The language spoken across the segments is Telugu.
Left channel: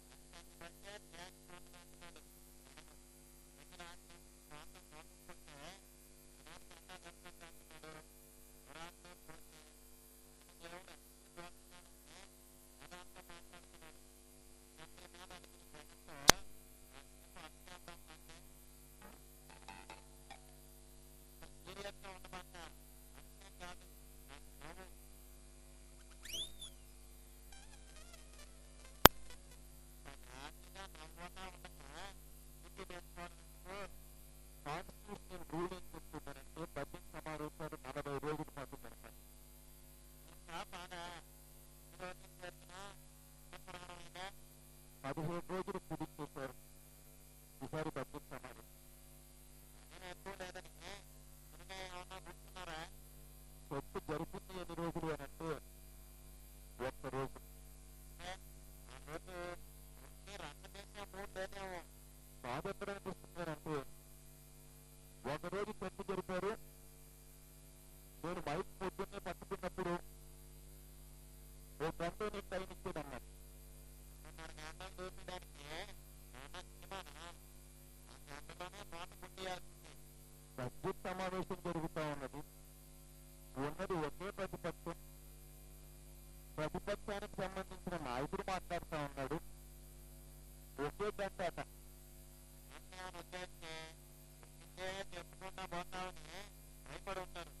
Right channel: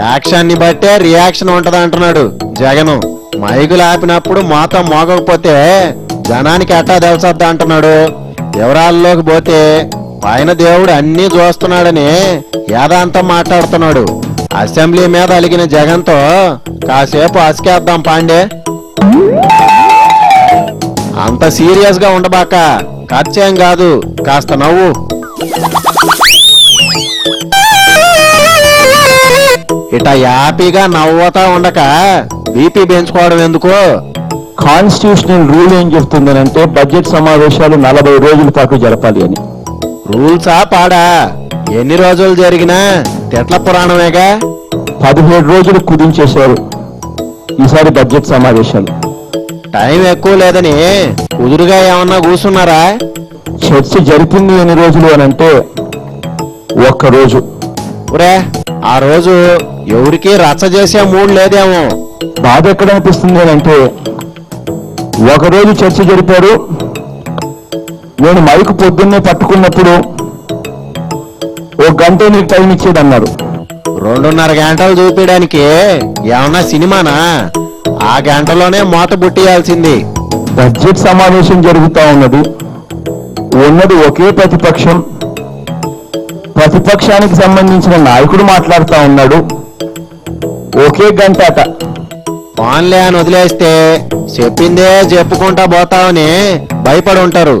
యాక్షన్ ని బట్టే రియాక్షన్ ఉంటది అంటున్నాడు జగను. మైకులు ఆపినప్పుడు మోతం మోగకపోతే జనానికి ఎట్టా తెలుసద్దా అంటున్నాడు. వివరాల్లోకి పోతే పైన దేవుడు అన్నీ చూస్తున్నాడని యాదాంతం మాట్లాడుతున్నాడు. అసెంబ్లీ మీద అలిగిన జగన్తో కాసేపు అసికేద్దాం పాండే. అంత సీరియస్ గా ఉండబాక, ఖర్చేం కాదు, కాస్త నవ్వు. ఇట యాపీగా నవ్వుతా ఉండక బీపీ పెంచుకోవడం ఎందుకు? కాన్స్టిట్యూషనల్ రూల్ ఏం చెప్తుందనంటే బడ్జెట్ సమావేశాలు 40 రోజుల పాటు జరపాలి అని. రూల్సా పాడా? ఎన్ని రోజులు జరిగినా తెట్ల పురాణమేగా. 17 రోజులు కుదించేశారు ఈసారి బడ్జెట్ సమావేశాలు. టైం ఎక్కువ లేదని కుదురుగా ఏమన్నా కూర్చున్నారా? చర్చ జరిపింది ఎన్ని రోజులు అని అంటే 1 రోజు. ఒరే, ఆ రోజు ఎవరికి రచ్చ చేసే మూడ్ లేదేమో. బాధ ఎక్కడ అనిపిస్తుంది అని అంటే 1 రోజు చర్చ జరిపారు. నేను మైకు పొద్దున్నే పట్టుకున్నప్పుడు 1 గంట నీకు టైం ఇచ్చేదన్నారు. 2.5 గంటలు చూపించడానికి ఏమన్నా సినిమానా? ఆ గంటలోనే మూత బుట్టియాల్సింది. బడ్జెట్ సమావేశం జరుగుతూ ఉన్నది ఒకే ప్రతిపక్షం. ప్రతిపక్షానికి సంబంధించిన నాయకుడు మాట్లాడుతూ ఉన్నాడు. ఒకే గంట అట. ఫోన్లే అని వదిలేస్తే చెప్పిందే చెప్పుకుంటా పోతావని భయపడి ఉంటారు.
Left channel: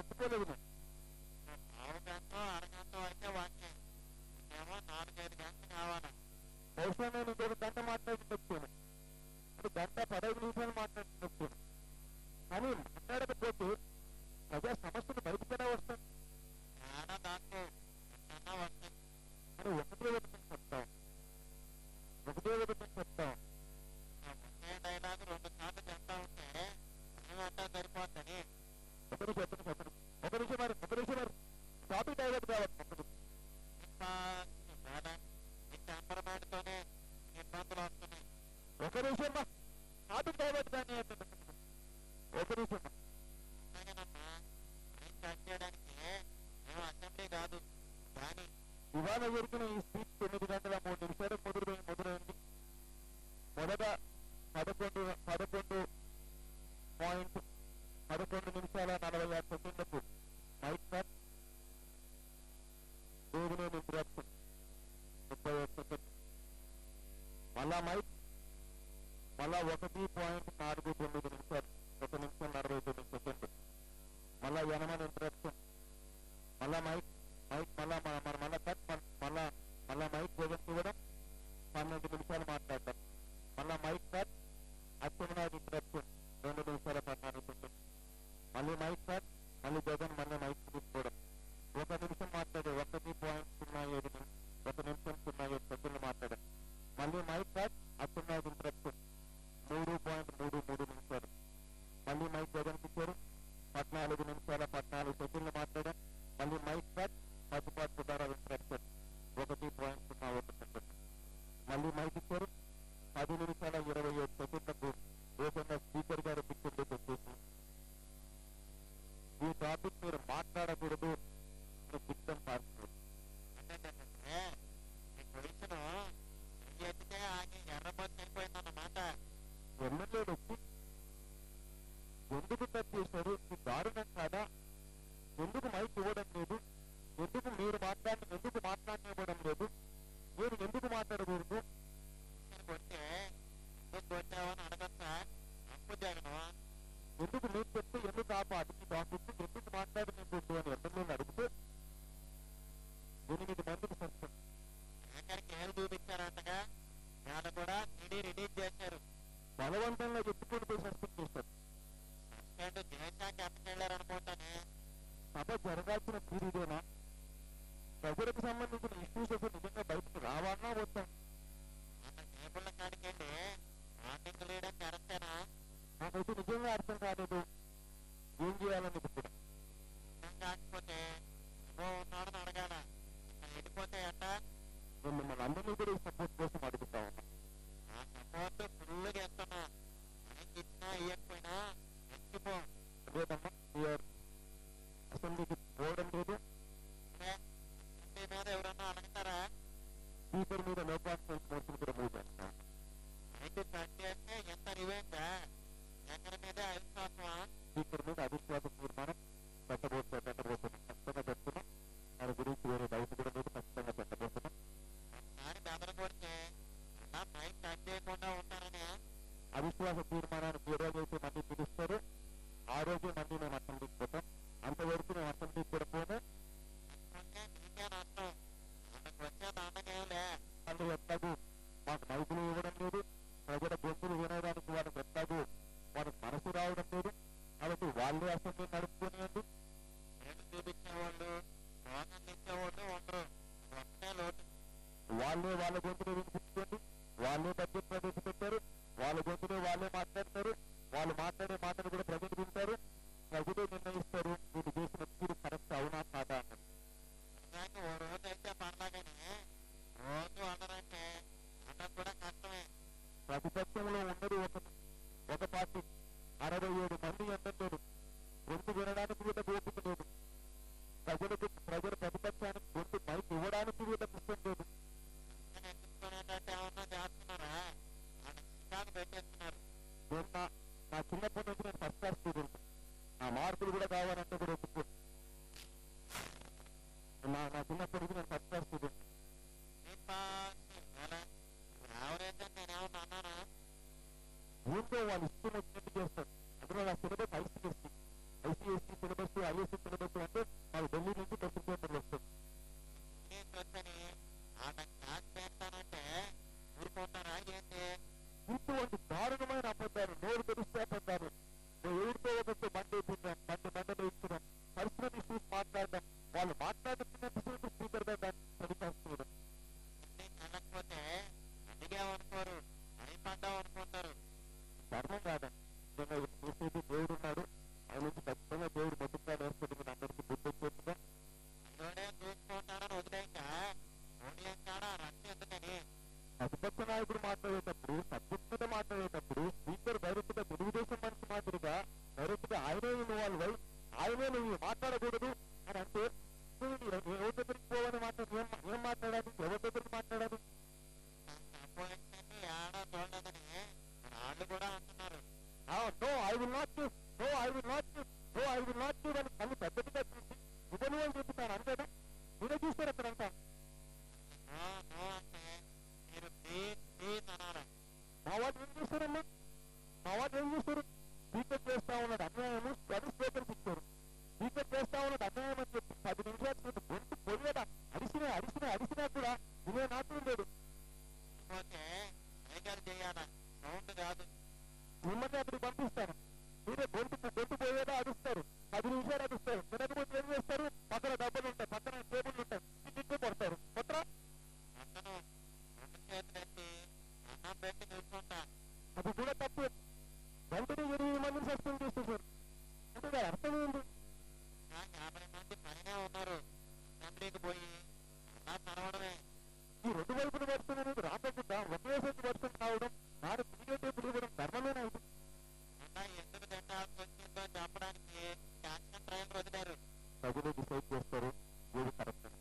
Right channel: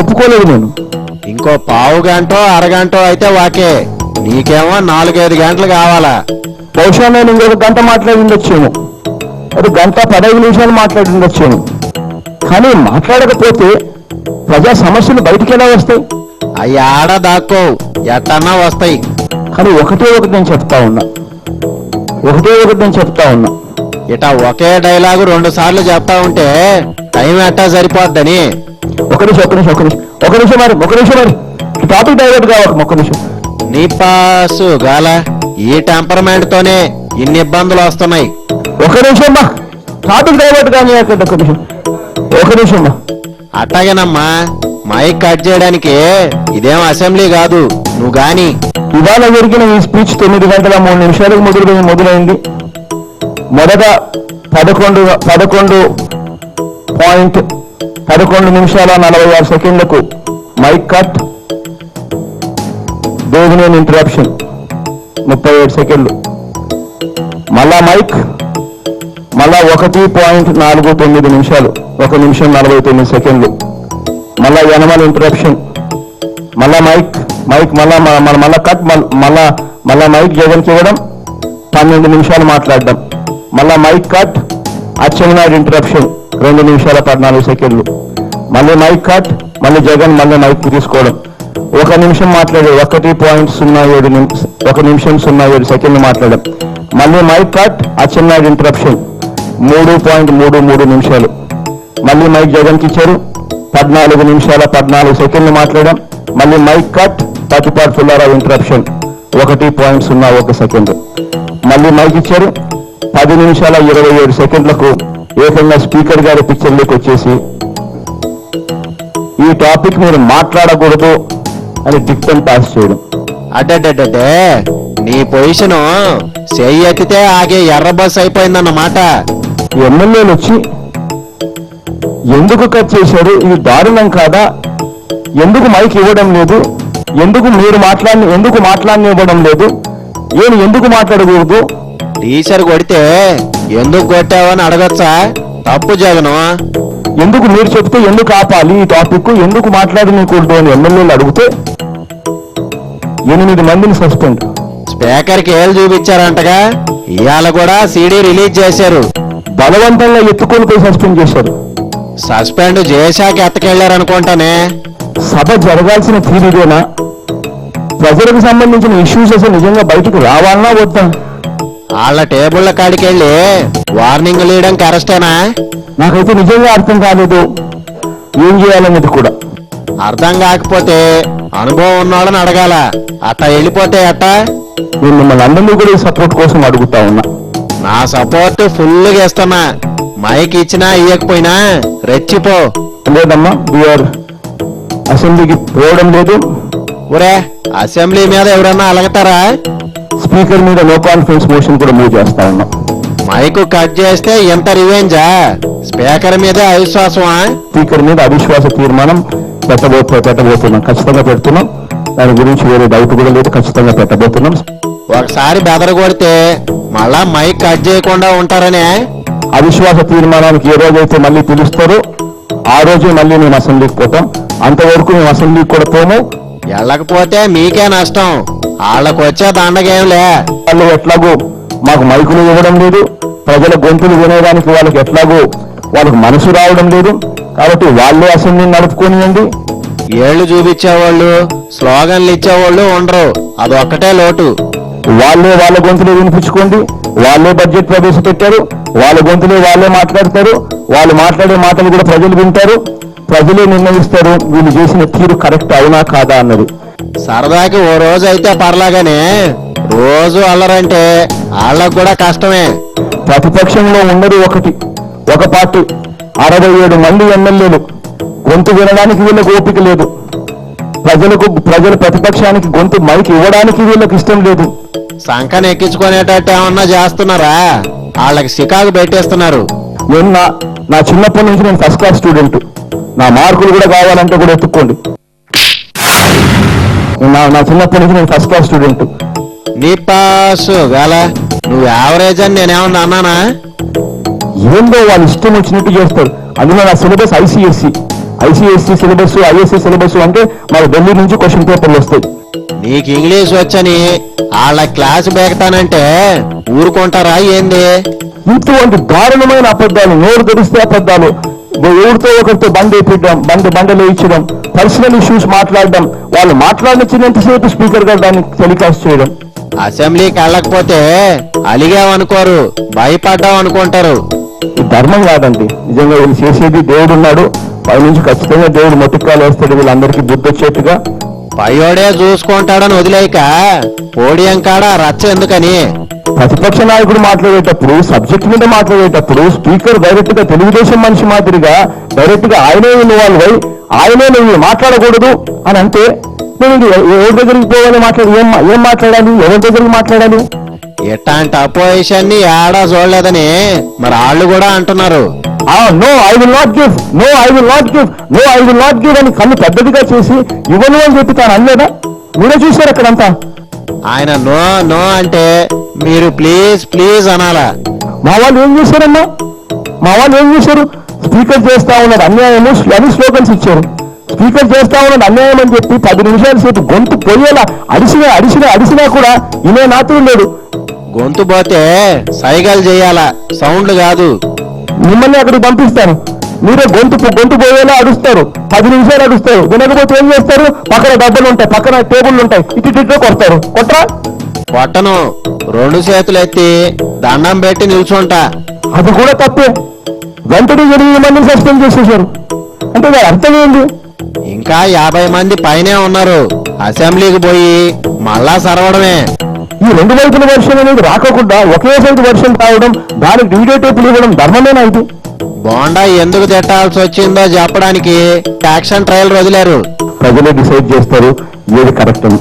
ఒప్పుకోలేదు నేను. ఇంకో పావు గంటో అరగంటో అయితే వాకే. నీకేమో 4-5 గంటలు కావాలా? బహుశా నేను ఇంకొక గంట మాట్లాడి ఉండొచ్చాను, అది 1:15 నిమిషాలు మాట్లాడి ఉండొచ్చాను. కానీ మాట్లాడకపోతే ప్రజా సమస్యలు బయటికి ఎలా వస్తాయి? అవి ఆడ దాక్కో, ఎట్టన్నా వస్తాయి. కానీ ఒకటే ఒకటి నేను చెప్తా ఉన్నా. ఇట ఒకే డైలాగు 2 సార్లు చెప్తా ఉంటే టైం ఎట్టా సరిపోద్దని. ఒక నిమిషం మరి టాపిక్ డైవర్ట్ కావాలి. ఒక నిమిషం. నీ పాసు గాల ఈ టెంపర్మెంట్ తోనే ఇన్ని ఇబ్బందులు వస్తున్నాయి. ఒక నిమిషం మా టాపిక్ డైవర్ట్ కానీ ఒక నిమిషం మా. అట్టాగేనమ్మా, మైక్ కట్ చేయడానికి ఇదేం అసెంబ్లీ కాదు. నువ్వు గాని ఇవాళ జరిగిన ఈ స్పీచ్ 9 గంటల 3 నిమిషాలకు మొదలైంది. మొదట 11 నిమిషాల 46 సెకండ్లకు మైక్ కట్, దేవినేని ఇంటరప్షన్ 37 సెకండ్లు. మళ్ళా మైక్, మళ్ళా 1.49 నిమిషాలు, 1 నిమిషం 49 సెకండ్లు. మళ్ళా యనమల ఇంటరప్షన్, మళ్ళా మైక్ మళ్ళా కట్, మళ్ళా మైక్ జగన్కి ఇవ్వడం, 12 నిమిషాలు మాట్లాడడం. మళ్ళా మైక్ కట్, అచ్చెన్నాయుడు ఇంటరప్షన్ 2 నిమిషాల 14 సెకండ్లు. మళ్ళీ మైక్ కట్, మళ్ళీ జగన్ మళ్ళీ మైక్ తీసుకోవడం, 1 నిమిషం మాట్లాడే 1 నిమిషం 07 సెకండ్లు మాట్లాడడం. మళ్ళీ మైక్ కట్, అచ్చెన్నాయుడు ఇంటరప్షన్ 3.33 నిమిషాలు. మళ్ళీ మైక్ జగన్కి ఇచ్చారు, 14 నిమిషాల 14 సెకండ్లు మాట్లాడడం. మళ్ళీ mike cut, Pathipati Pullarao interruption 1.01 second. మళ్ళీ మైక్ ఇచ్చారు, 10 నిమిషాల 27 సెకండ్లకు ఏకంగా స్పీకర్ గారి పిక్చర్లోకి వచ్చేసి ఈ టాపిక్ మీరు మాట్లాడకూడదు అని డిక్టన్ పాస్ చేయడం. అడ్డే నీ పొజిషను చెయ్యి ఎత్తితే ఆగే ఎర్ర బస్ అయిపోయిందన్నమాట. ఎమ్మెల్యేలు వచ్చి ఎందుకు కట్ చేశారు, ఇది దారుణం కాదా, ఎందుకు మైక్ ఇవ్వడం లేదు, ఎందుకు మాట్లాడనివ్వడం లేదు, ఎందుకు మాట్లాడకూడదు, టీచర్ కొడితే ఎందుకు కొట్టావని అడగచ్చా? తప్పు జగను. ఎందుకు మీరు చెప్తే ఎందుకు ఆపాలి ఈ టాపిక్, ఎందుకు మాట్లాడనీకూడదు అని ఎమ్మెల్యేలు అడిగితే 8 మందిని సస్పెండ్. స్పీకర్కి ఏళ్ళు చూపించారంటగా, ఇవాళ కూడా సీడీ రిలీజ్ చేశారు. బలవంతంగా ఎత్తుకొని పోయి సస్పెండ్ చేశారు. సస్పెండ్ చేశాక ఎత్తకెళ్లారనుకుంటానే. సభ జరగాల్సిన తీరుదేనా? ప్రజలకు సంబంధించిన ఇష్యూస్ అసలు నిజంగా బయటకు రావాలన్నా వద్దా? వాళ్ళ టేబుళ్ల కాడికి వెళ్ళి వార్నింగ్ ఇవ్వడం కరెక్టేనా? నాకైతే నిజంగా అర్థం కాలేదు ఏం చేయాలనేది కూడా. అర్థం కాకపోతే అనుభవం ఉన్నవాళ్ళని అడగాల. అట్ట వెళ్ళిపోతే అట్ట. నేను మిమ్మల్ని అందరినీ కూడా ఈ సపోర్ట్ కోసం అడుగుతా ఉన్నా. నా సపోర్ట్ ఫుల్గా ఇస్తున్నా. మైక్ ఇచ్చినా ఇవ్వకపోయినా రెచ్చిపో. లేదమ్మా, వీఆర్ అసెంబ్లీకి పోవడం లేదు. ఒరే, అసెంబ్లీ మీద ఎవరన్నా అలగతారా? స్పీకర్ మీద నో కాన్ఫిడెన్స్ మోషన్ కూడా మూవ్ చేస్తా ఉన్నాం. మైకు కట్ చేస్తే ఎంత రివెంజా? స్పీకర్ మీద అవిశ్వాసమా? స్పీకర్ మీద అవిశ్వాస తీర్మానం పెట్టబోతున్నాం, ఖచ్చితంగా పెడుతున్నాం. దాని గురించి వేరే డౌట్ కూడా లేదు, ఖచ్చితంగా పెట్టబోతున్నాం. ఒకసారి బెదరగొడితే మళ్ళా మైక్ కట్ చేయకుండా ఉంటారనే. అవిశ్వాస తీర్మానానికి ఏ రోజైతే మళ్ళీ పిలుస్తారో ఆ రోజే మళ్ళీ మేము అసెంబ్లీకి పోతాం. అంతవరకు మేము అసెంబ్లీకి కూడా పోము. వెళ్ళకపోతే మీకే నష్టం, వాళ్ళకు వచ్చే దండగేంలే. వాళ్ళు ఎట్లాగో మాకు మైకులు ఇవ్వడం లేదు, ప్రజల గొంతులు వినేదానికి వాళ్ళకి మనసు రావడం లేదు. కాబట్టి వాళ్ళే అసెంబ్లీని నడుపుకోనియండి. ఏళ్లు చూపించేవాళ్ళు, స్లోగన్లు ఇచ్చేవాళ్ళు ఉండరు, అదొక్కటే లోటు. వాళ్ళే వాళ్ళ గొంతులు వినిపించుకోండి. వాళ్ళే బడ్జెట్ ప్రవేశపెట్టారు, వాళ్ళ గొంతులే వాళ్ళే మాట్లాడతారు. వాళ్ళు మాట్లాడే మాటలు కూడా ప్రజలు వింటారు, ప్రజలే నిర్ణయిస్తారు వీళ్ళు చేసిన తీరు కరెక్ట్ అవునా కాదా అన్నది. సరదాకి ఓ రోజు అయితే పర్లాగానే రోజు అల్లరంటే వాళ్ళకు కూడా కష్టమే. ప్రతిపక్షంలో ఉన్నది ఒక పార్టీ, 67 మంది ఎమ్మెల్యేలు. గొంతు వినడానికి వీళ్ళకి ఓపిక లేదు. ప్రజల ప్రతిపక్షానికి గొంతు మైక్ ఇవ్వడానికి వీళ్ళకి ఇష్టం లేదు. సంకన ఎక్కించుకునేటట్టు ఏమన్నా చేస్తున్నారా? వాళ్ళకి చికాకు పెట్టేస్తున్నారు. నేను నా చిన్నప్పటి నుంచి నేను ఫస్ట్ క్లాస్ స్టూడెంట్. నా మార్కులు కూడా కావాలంటే కూడా ఎత్తుక్కోండి. నా చిన్నప్పటి నుంచి నేను ఫస్ట్ క్లాస్ స్టూడెంట్. నీ పాస్ వేళ నువ్వు యావరేజ్ అని నేనేమన్నా అన్నానా? ఏందో వాళ్ళు ఇష్టం వచ్చినట్టు చేస్తారు. అందులో నా syllabus ICSE syllabus, ISC syllabus అంటే మాకు ఢిల్లీ నుంచి క్వశ్చన్ పేపర్లు వస్తాయి. నీకు ఇంగ్లీష్ వచ్చని వాళ్ళ క్లాస్ బేకతానంటే ఊరుకుంటారా ఏంది? ఇటువంటి దారుణమైన అబద్ధాలు, నోరు తెరిస్తే అబద్ధాలు, ఎవరితో ఒకరితో బండలు ఇచ్చడం, పర్సనల్ ఇష్యూస్ మాట్లాడడం, వాళ్ళు మాట్లాడించినంతసేపు స్పీకర్ గారు దాన్ని టెలికాస్ట్ చేయడం. అసెంబ్లీకి వెళ్ళకపోతే అలిగామనుకోరు, భయపడ్డాం అనుకుంటారు. ఇది ధర్మం కాదండి. నిజంగా వీళ్ళు చేసేది, దేవుడు ఉన్నాడు పైనుంచి, ఖచ్చితంగా దేవుడు మొట్టికాలు వేస్తాడు వీళ్ళందరికీ బుద్ధి వచ్చేట్టుగా. పయ్యోడే చూసుకుంటాడని వదిలేక పోడియం కాడ రచ్చ ఎందుకని? ప్రతిపక్ష నాయకుడు మాట్లాడేటప్పుడు, సబ్జెక్ట్ మీద మాట్లాడేటప్పుడు స్పీకర్ డైరెక్ట్ గా తెలుగుదేశం మనిషి మాదిరిగా డైరెక్ట్ గా ఆయనే ఇన్వాల్వ్ అయి ఆయనే నువ్వు మాట్లాడకూడదు అని అంటే నేను ఎవరి దగ్గరికి పోవాలి? ఏం మాట్లాడాలి? ఎవరి దగ్గరికి మాట్లాడాలి? ఇట్లాంటి అపోజిషన్ ని ఏడా చూడలేదని మరి వాళ్ళు కూడా అంటున్నారు. No I will not give, no I will not give, no I will not give అని కన్ను పెద్దదిగా చేసి ఇవ్వను అని చెప్పి తాను అనలేదా? మీరే చూశారు అక్కడంతా. ఆయన నో నో అంటే మీరు ప్లీజ్ ప్లీజ్ అనాలా? మా వాళ్ళు ఏం చేశారమ్మా? స్పీకర్ చేస్తా ఉన్నాడు అన్యాయము అని స్లోగన్స్ ఇచ్చారు. స్పీకర్ చేస్తా ఉన్నాడు అన్యాయం అని చెప్పి 10 నిమిషాల సేపు గొంతు పోయేలా అడిసినా కూడా ఇనే నాతుడు లేడు. గొంతు పోతే సైగలు చేయాలా, సౌండ్లు కాదు. మిమ్మల్ని అక్కడికి పంపిస్తాను, మీరే గొంతు పోయేలా అడుస్తారు, 10 నిమిషాలు అడుస్తారు. వినకపోతే ఏం చేస్తారు? పక్కన డబ్బులు ఉంటాయి, పక్కన టేబుల్ ఉంటాయి, ఇటు కొడతారు. కొట్టను, 2 చేతులు ఎత్తి దండం పెట్టి నిల్చుంటా. అది కూడా తప్పే. వెంటనే 8 మందిని సస్పెండ్ చేసేసారు అంటే దాని అర్థం ఏంటి? ఇంకా 50 మంది పైనే ఉన్నారు. అసెంబ్లీకి పోయి మళ్ళా సరవడమే. ఈ 2 వైపుల వర్షం అనేది రాకుండా ఒకే సైడ్ వర్షం రావడం, దానికి వీడియో టేపులు ఇవ్వడం ధర్మమేనా ఇది? బోండా ఎందుకు తిట్టాల్సి వచ్చిందో చెప్పడానికి యాక్షన్ ట్రయల్ వదిలేరు. ప్రజలే డిసైడ్ చేస్తారు ఏది కరెక్ట్ అని.